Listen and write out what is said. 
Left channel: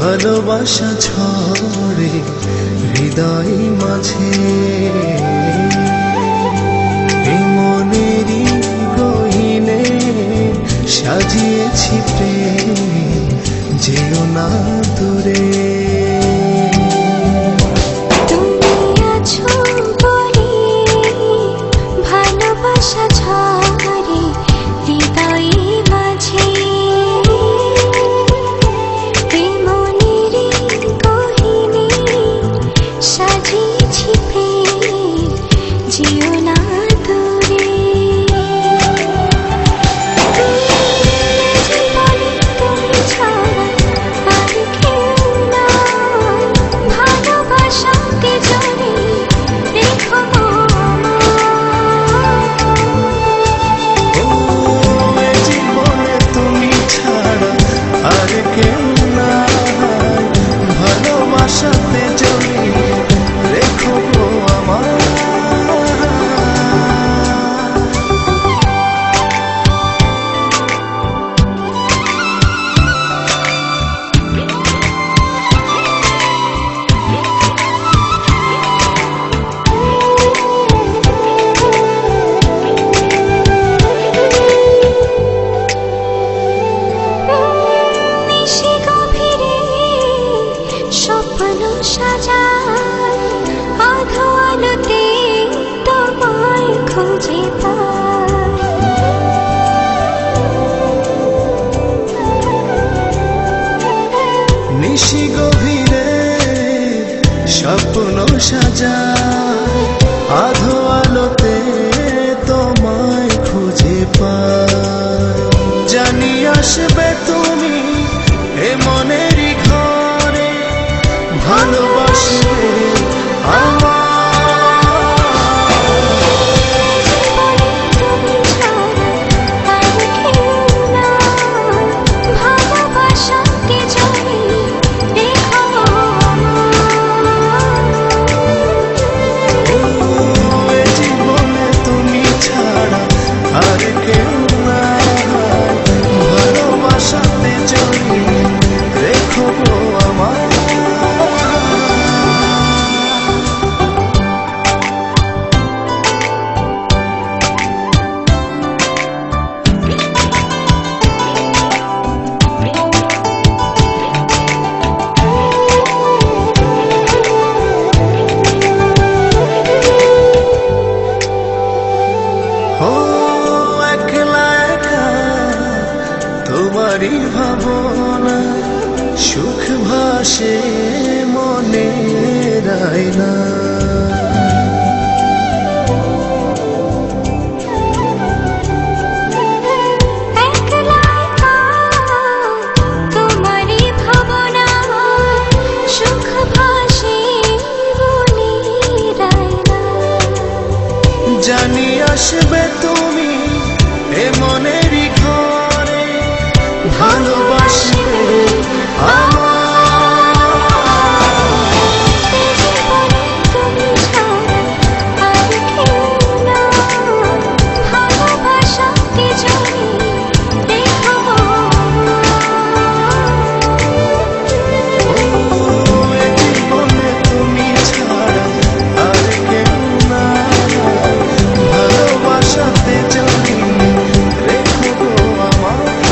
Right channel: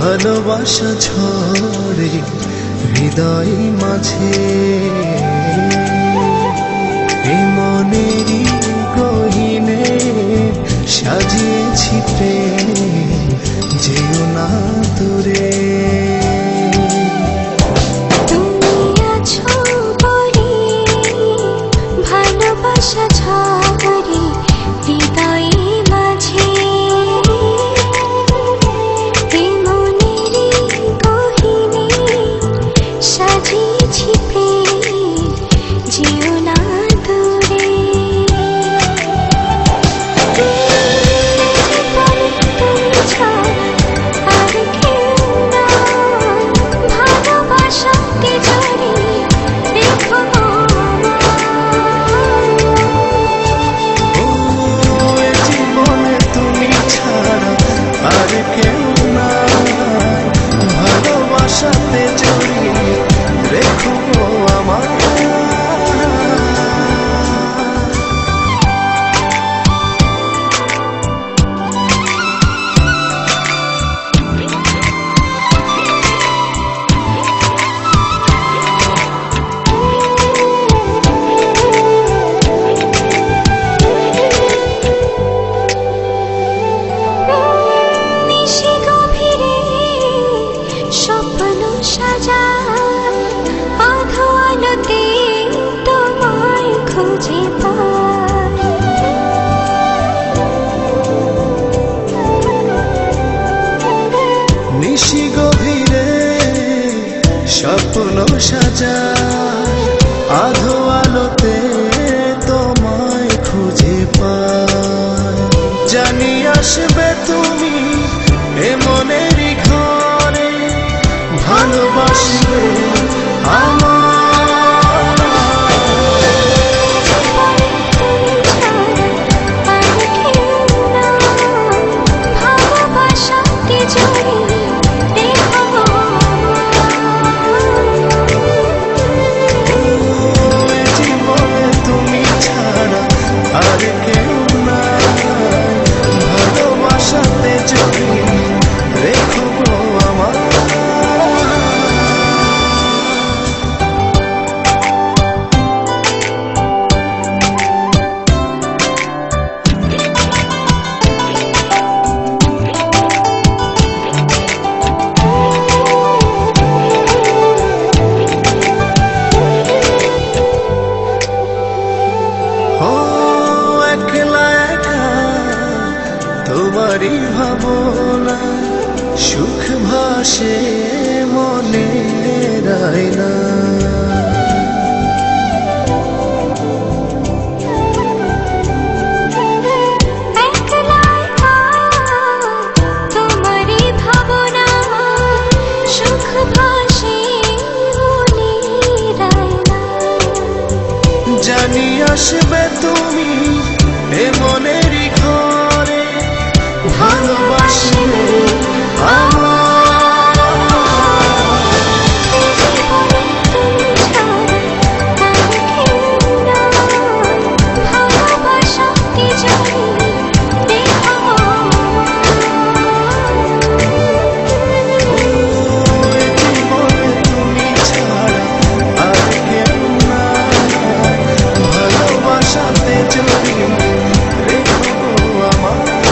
ভালোবাসা ঝরে হৃদয় মাঝে। মনেরই গহিনে সাজিয়েছি প্রেম যেও না দূরে। ভালোবাসা ঝরে হৃদয়ে কেউ নাই। ভালোবাসাতে জড়িয়ে রেখো গো আমার সাজায়। নিশি গভীরে স্বপ্ন সাজায়। আধো আলোতে তোমায় খুঁজে পাই। জানি আসবে তুমি এ মনেরই ঘরে। ভালোবাসবে আমার। ছাড়া আর কেউ নাই। ভালোবাসাতে জড়িয়ে রেখো আমার তোমারই ভাবনা সুখ ভাসে মনে মনে রায়না জানি আসবে তুমি এ মনেরই ঘরে ভালোবাসবে আমার। জীবনে তুমি ছাড়া আর কেউ নাই। ভালোবাসাতে জড়ি রেখো গো ও